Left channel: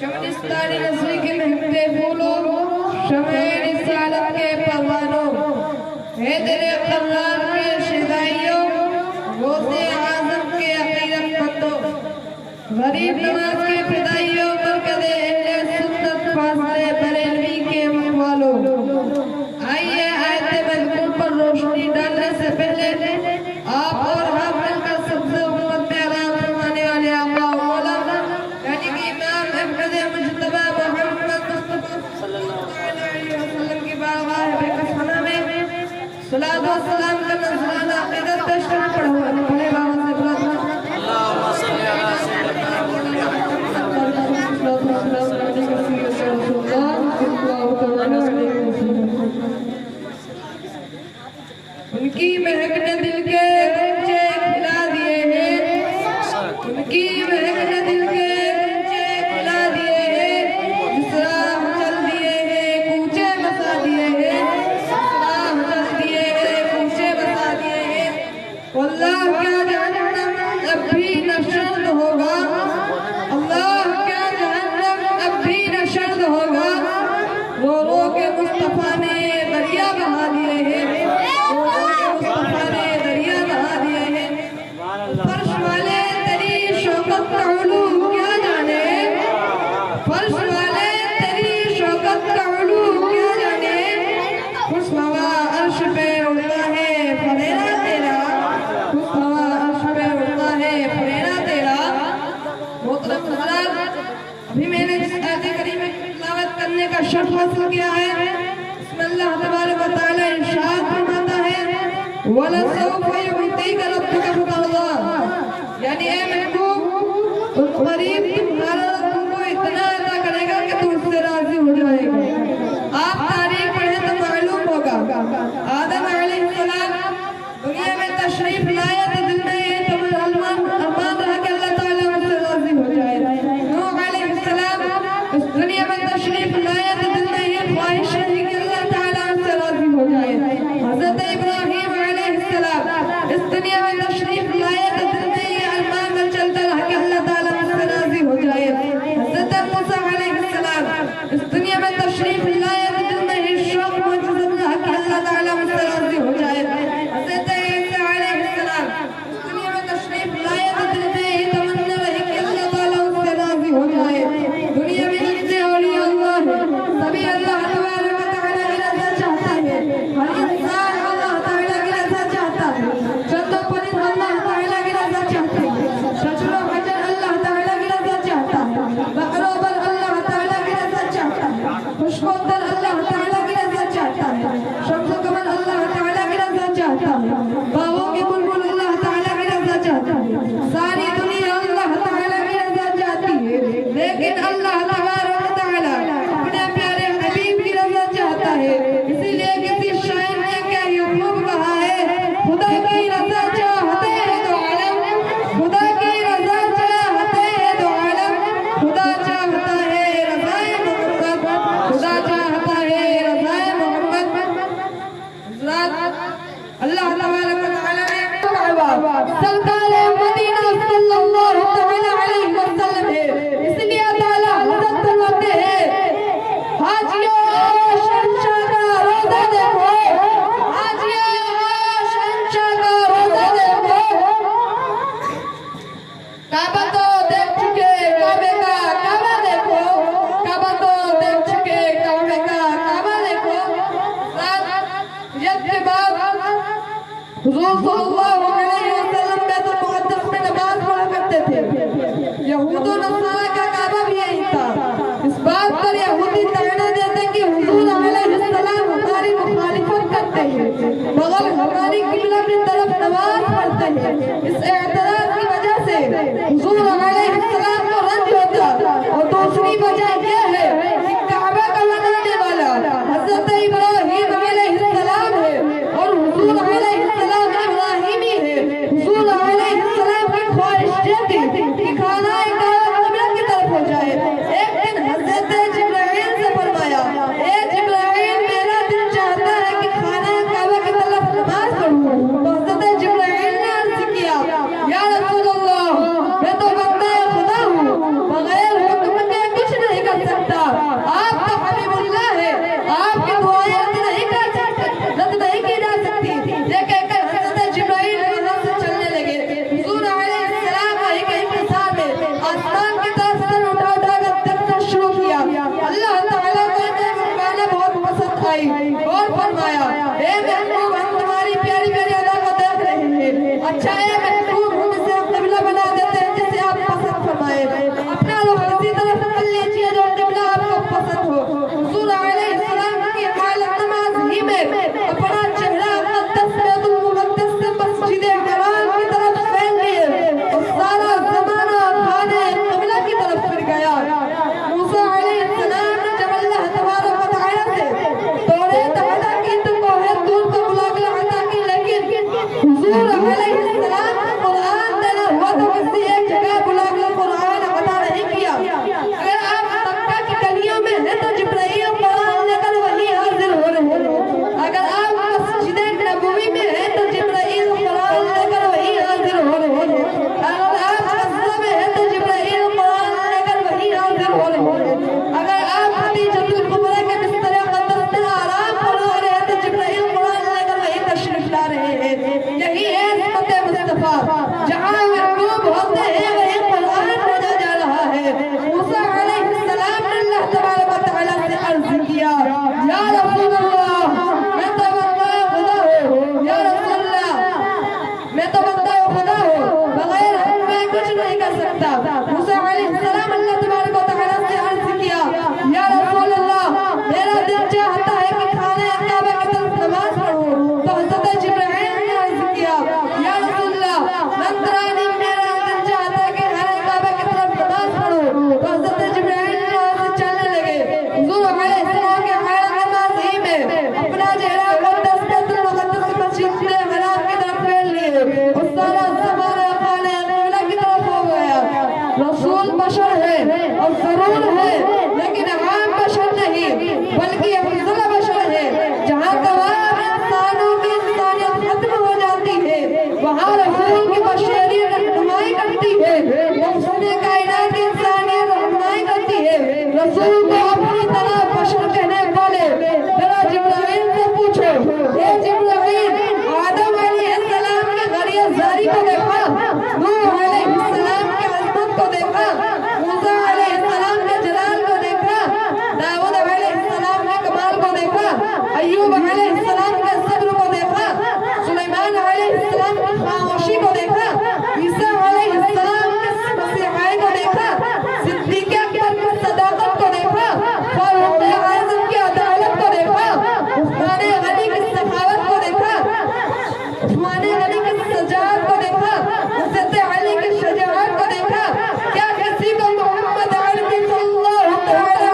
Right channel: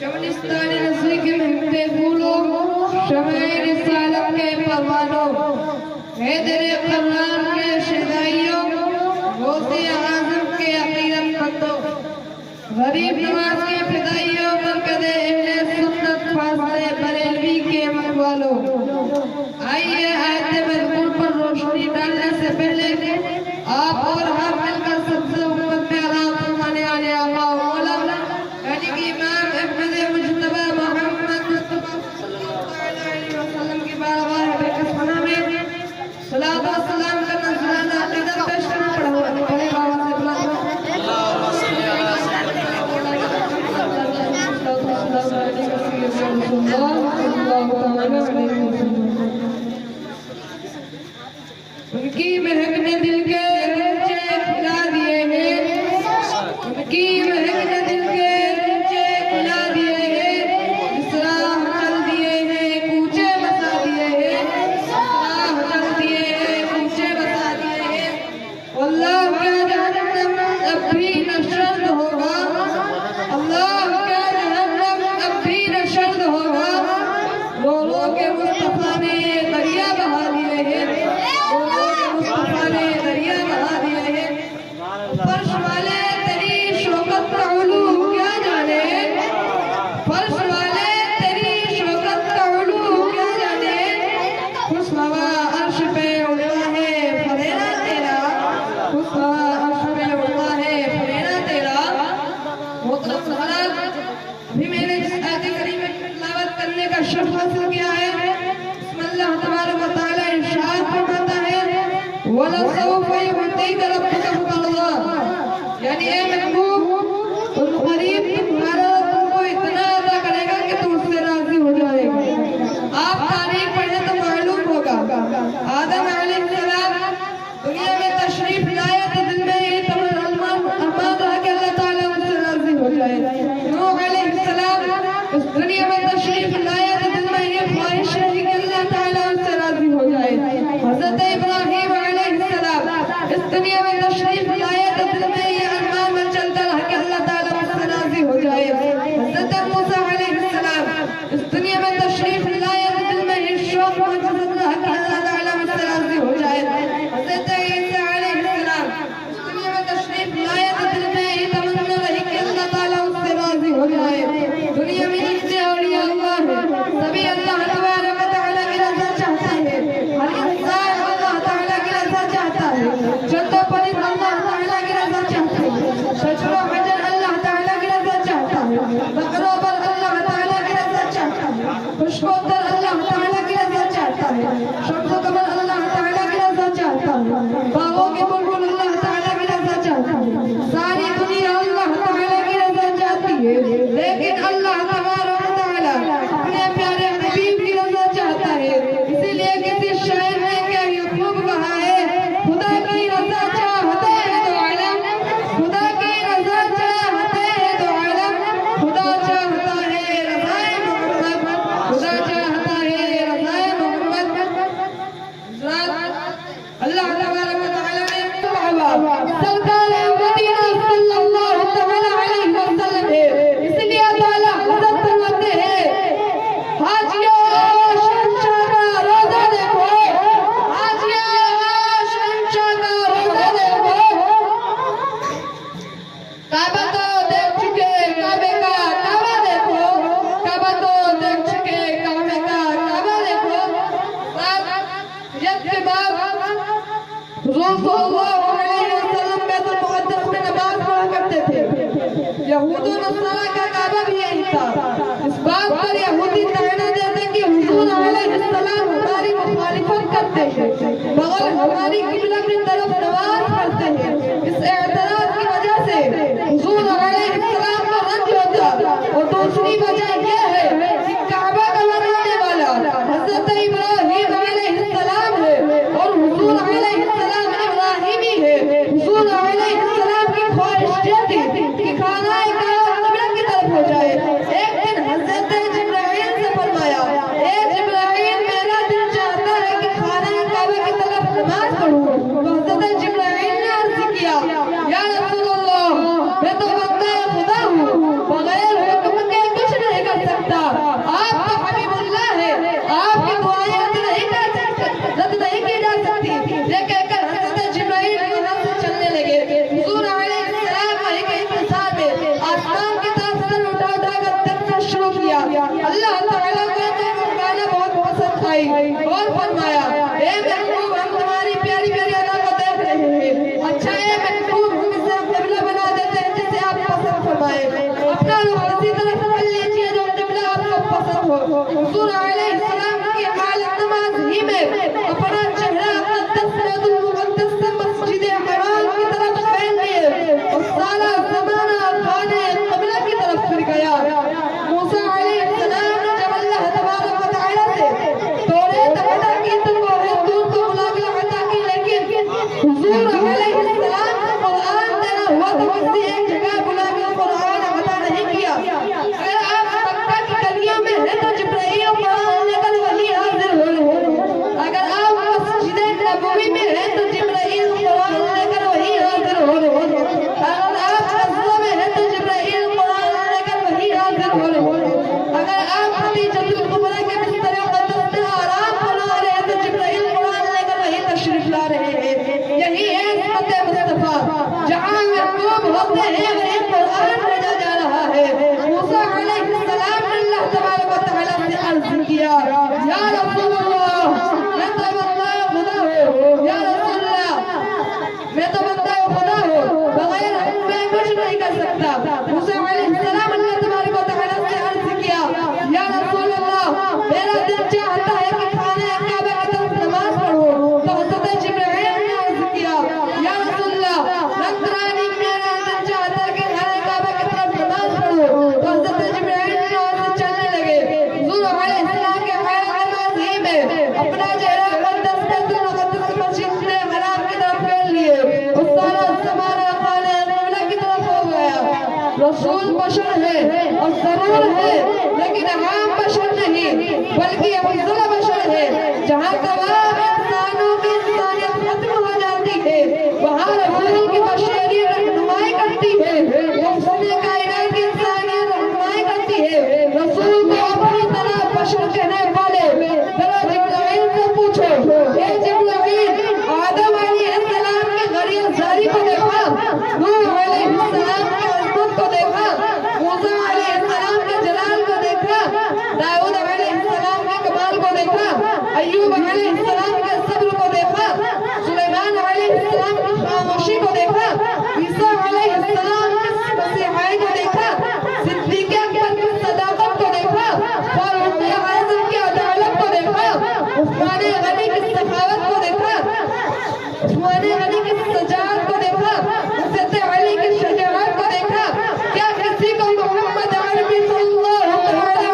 शमनिस्तान रस्सी के महकते फूलों शमे रिसालत के परवानों हैदर कमरान के शिदाइयों गौसे आज़म के अकीदत मंदों गरीब नवाज के फिदाइयों मरकज़े अहले सुन्नत फासले बरेलवी के अमलवालों आइए आयत मज़मून पर रोशनी डालने से पहले आप और हम मिलकर सबसे उम्मत में अदा फरमाने वाले आका और मौला यानी कि इमाम अहमद मुज्तबा मोहम्मद मुस्तफा सल्लल्लाहु अलैहि वसल्लम की बारगाह बेकसना में सलात व सलाम का नज़राना अक़ीदत पेश करना पड़ा बड़े बाबा से अल्लाहुम्मा सल्ली अला उनकी महक ने दिल के गंजे खिला दिए हैं उनकी महक ने दिल के गंजे खिला दिए हैं जिस राह चल दिए हैं कूचे बसा दिए हैं जिस राह चल दिए हैं कूचे बसा दिए हैं अल्लाह क्या जहन्नम अब भी न शर्द होगा अल्लाह क्या जहन्नम अब भी न शर्द होगा लोगों के मुस्तफा ने दरिया बहा दिए हैं मुस्तफा ने दरिया बहा दिए हैं फर्श वाले तेरी शौकत का उलू क्या जाने फर्श वाले तेरी शौकत का उलू क्या जाने खुशबवा अर्श पे उड़ता है फरेरा तेरा खुशबवा अर्श पे उड़ता है फरेरा तेरा मोहतरम हज़रात अभी मैंने जिस आयत करीम में तिलावत करने का शर्फ हासिल किया है बिस्मिल्लाह तबारक व तआला इरशाद फरमाता है वलसौफ युअतीक रब्बुक फतरदा यानी ए महबूब तुम करीब तुम्हारा तुमको इतना अता करेगा कि तुम उससे राजी हो जाएगा आप तारीख पढ़े तो मालूम होगा आदम अलैहिस्सलाम दुनिया में तशरीफ लाए तो दिल में ये अरमान रहा कि अल्लाह ताला उससे राजी हो जाए नूह अलैहिस्सलाम इस दुनिया में तशरीफ लाए तो दिल में ये ख्वाहिश रही कि अल्लाह ताला उससे राजी हो जाए हज़रत इब्राहीम अलैहिस्सलाम इस दुनिया में तशरीफ लाए तो दिल में ये अरमान में चलता रहा कि अल्लाह ताला उससे राजी हो जाए हज़रत मूसा अलैहिस्सलाम इस दुनिया में तशरीफ लाए तो दिल में ये शौक मौजूद रहा कि अल्लाह ताला उससे राजी हो जाए हज़रत ईसा अलैहिस्सलाम इस दुनिया में तशरीफ लाए तो दिल में ये तमन्ना रही कि अल्लाह ताला उससे राजी हो जाए दुनिया में जितने औलिया अल्लाह है सभी अल्लाह तबारक व तआला की रज़ा चाहता है हर इंसान अल्लाह ताला की रज़ा चाहता है जद्दो परी अल्लाह ताला की रज़ा चाहता है शजरो भजन अल्लाह ताला की रज़ा चाहता है बकरो पर अल्लाह ताला की रज़ा चाहता है खुशबूदार अल्लाह ताला की रज़ा चाहता है शम्स कमर अल्लाह ताला की रज़ा चाहता है बागों के बुलबुल अल्लाह ताला की रज़ा चाहता है सारी दुनिया अल्लाह ताला की रज़ा चाहती है लेकिन अल्लाह तबारक व तआला अपने प्यारे हबीब की रज़ा चाहता है इसीलिए किसी शायर ने क्या यूं कहा है खुदा की रज़ा चाहते हैं तो आलम खुदा की रज़ा चाहते हैं तो आलम खुदा चाहता है रज़ाए मोहम्मद खुदा चाहता है रज़ाए मोहम्मद अल्लाह तबारक व तआला ने सरकार मदीना सल्लल्लाहु तआला अलैहि वसल्लम है इसलिए ताला हज़रत फरमाते हैं हाजिया शहंशाह का रोज़ा देखो हाजिया शहंशाह का रोज़ा देखो काबा तो देख चुके काबे का काबा देखो काबा तो देख चुके काबे का काबा देखो जब के बाद हुज़ूर सल्लल्लाहु अलैहि वसल्लम बैतुल यहूद और नसरानी का काबा भी यही था। इस बात पर यहूदी ताना देते कि हुजूर अलैहिस्सलाम हमारी मुखालिफत करते हैं मगर हमारी किबला की तरफ नमाज पढ़ते हैं। इस एतराज की वजह से हुजूर अलैहिस्सलाम को रंज होता। और दूसरी वजह यह है कि काबा का बनाने वाला हजरत इब्राहीम अलैहिस्सलाम है और हुजूर अलैहिस्सलाम इब्राहीमी है। हुजूर अलैहिस्सलाम की ख्वाहिश थी कि खाना काबा की तरफ हो जाए। एक दिन हजरत जिब्राइल से फरमाया, ए जिब्राइल मेरा दिल चाहता है कि खाना काबा की तरफ नमाज पढ़ूं। तो हजरत जिब्राइल ने अर्ज किया, या रसूल अल्लाह मैं तो बंदा खुदा हूँ, बगैर हुक्म के कुछ नहीं कर सकता। आप तो हबीबुल्लाह है, आपकी दुआएं रद्द नहीं की जा सकती। ये कहकर हजरत जिब्राइल वहां से चलने लगे। हुजूर अलैहिस्सलाम वही के इंतजार में आसमान की तरफ सर उठा कर देखना शुरू किया। अल्लाह ताला को गाना बहुत पसंद आई और फरमाया, हे महबूब हम तुम्हारी प्यारी प्यारी अदा को देख रहे हैं। अच्छा है महबूब हम इसे किबला बना देते हैं जिसे आप पसंद फरमाए। अपना रुख इसी तरफ कर लीजिए जो किबला आपको पसंद हो। हुजूर अलैहिस्सलाम की हालत नमाज ही में अपना चेहरा बैतुल मुक़द्दस से मस्जिद हराम की तरफ फेर लिए और सारा ज़माना खाने किबला की तरफ फिर गया। मूसा अलैहिस्सलाम ने जब अल्लाह तबारक व तआला से तौरात अता की तो बहुत दूर को मुलाकात अता की, लेकिन हुजूर अलैहिस्सलाम को कुरान देना हुआ तो किसी एक जगह बुलाकर कुरान अता नहीं किया। अगर आप मक्का की गलियों में हैं तो जिब्राइल कुरान लेकर वहीं हाजिर हो रहे हैं। अगर आप मस्जिद नबवी में हैं तो जिब्राइल कुरान लेकर वहीं हाजिर हो रहे हैं। अगर आप मस्जिद में हैं तो जिब्राइल कुरान लेकर वहीं हाजिर हो रहे हैं। अगर आप खदीजतुल कुबरा के बिस्तर मुक़द्दस में आराम फरमा रहे हैं तो जिब्राइल कुरान लेकर वहीं तशरीफ ला रहे हैं। यही है हिम्मत मुस्तफा, जहां महबूब होते हैं वहीं कुरान भेजा जा रहा है। मूसा अलैहिस्सलाम ने अल्लाह तबारक व तआला से अर्ज किया, या रसूल अल्लाह मैं तो बंदा खुदा हूं, या रसूल अल्लाह मैं तो बंदा खुदा हूं, बगैर हुक्म के कुछ नहीं कर सकता। मूसा अलैहिस्सलाम अल्लाह तबारक व तआला से अर्ज किया, या रसूल अल्लाह मेरा दिल चाहता है कि खाने काबा की तरफ नमाज पढ़ूं। तो हजरत जिब्राइल ने अर्ज किया, या रसूल अल्लाह नसरानी मेरा दिल चाहता है कि खाने काबा की तरफ नमाज पढ़ूं। तो हजरत जिब्राइल ने वहां से चलने लगे। हुजूर अलैहिस्सलाम के हालत नमाज ही में अपना चेहरा बैतुल मुक़द्दस से मस्जिद हराम की तरफ फेर लिए और सारा ज़माना खाने किबला की तरफ हो गया। रसूल बशर है और जरूर है, लेकिन आम बशर नहीं बल्कि अफजल बशर है। जहाँ तमाम इंसानों की इंसानियत खत्म हो जाती है वहाँ रसूल की बशरियत रहनुमाई करती है। उसने कायनात की इंसानियत रहनुमाई करती है। रसूल को अपनी तरह बशर कहने वाले जरा जिब्राइल से पूछो, हे जिब्राइल आदम अलैहिस्सलाम की ग़रियतजारी को देखा, नूह अलैहिस्सलाम की अज़मत को देखा, मूसा अलैहिस्सलाम के जलाल को देखा, दाऊद अलैहिस्सलाम के कमाल को देखा, अय्यूब अलैहिस्सलाम के सब्र को देखा, सुलेमान अलैहिस्सलाम की खामोशी को देखा, ईसा अलैहिस्सलाम के मसीहाई को देखा, सिद्दीक़ अकबर की सदाकत को देखा, फारूक आज़म की अदालत को देखा, उस्मान गनी की सखावत को देखा, उस्मान गनी की सजावत को देखा, हज़रत अली की शजाअत को देखा। क्या किसी को मोहम्मद अरबी सल्लल्लाहु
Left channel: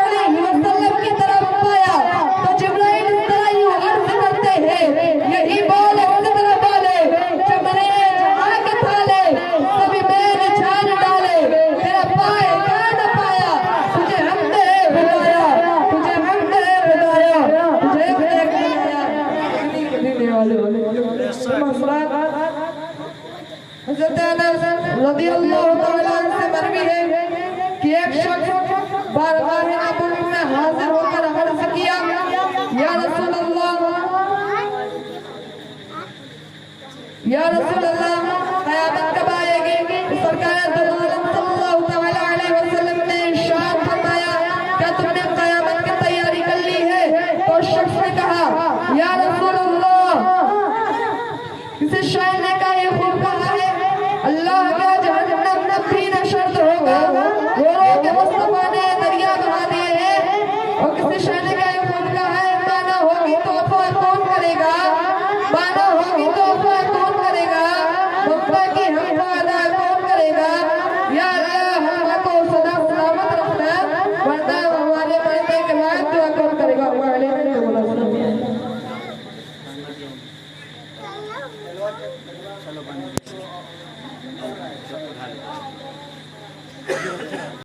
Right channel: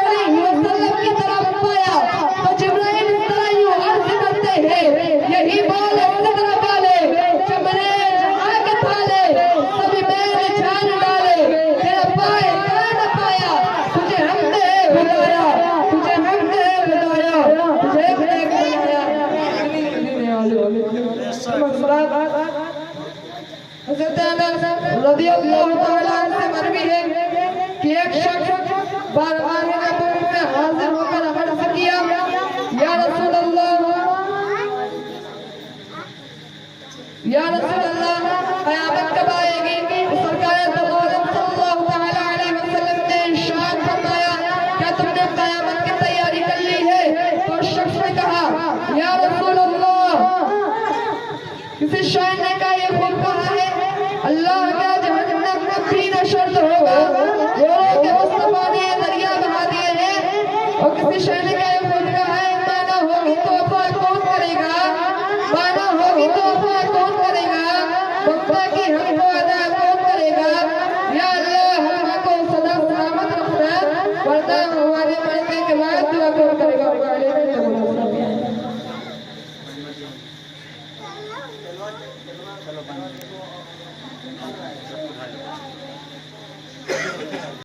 अलैहि वसल्लम की तरफ पाया? तो जिब्राइल इस तरह यूं अर्ज करते हैं, यही बोल सिदर वाले जबरे जहां के थाले सभी मेल जान डाले, तेरा पाए क्या न पाया, तुझे हमने हिदाया, तुझे हमने हिदाया, तुझे हमने हिदाया। हज़रत अनस रज़ियल्लाहु तआला से मरवी है कि एक शख्स बारगाह नबूवत में हाजिर होकर अर्ज किया, या रसूल अल्लाह क़यामत कब आएगी? सरकार दो आलम सल्लल्लाहु तआला अलैहि वसल्लम ने इरशाद फरमाया, क्या तुमने क़यामत की तैयारी कर ली है? तो शख्स ने कहा, या रसूल अल्लाह किसी शायर ने कहा, ये खूब कहा है, अल्लाह क्या जहन्नम भी नशर्त होगा। घोड़ों के मुस्तफा ने दरिया बहा दिए हैं और किसी शादी का खून का है, माना होगी तोहफा कौन करेगा, माना होगी तोहफा कौन करेगा, ममता की हमको अदा कौन करेगा। या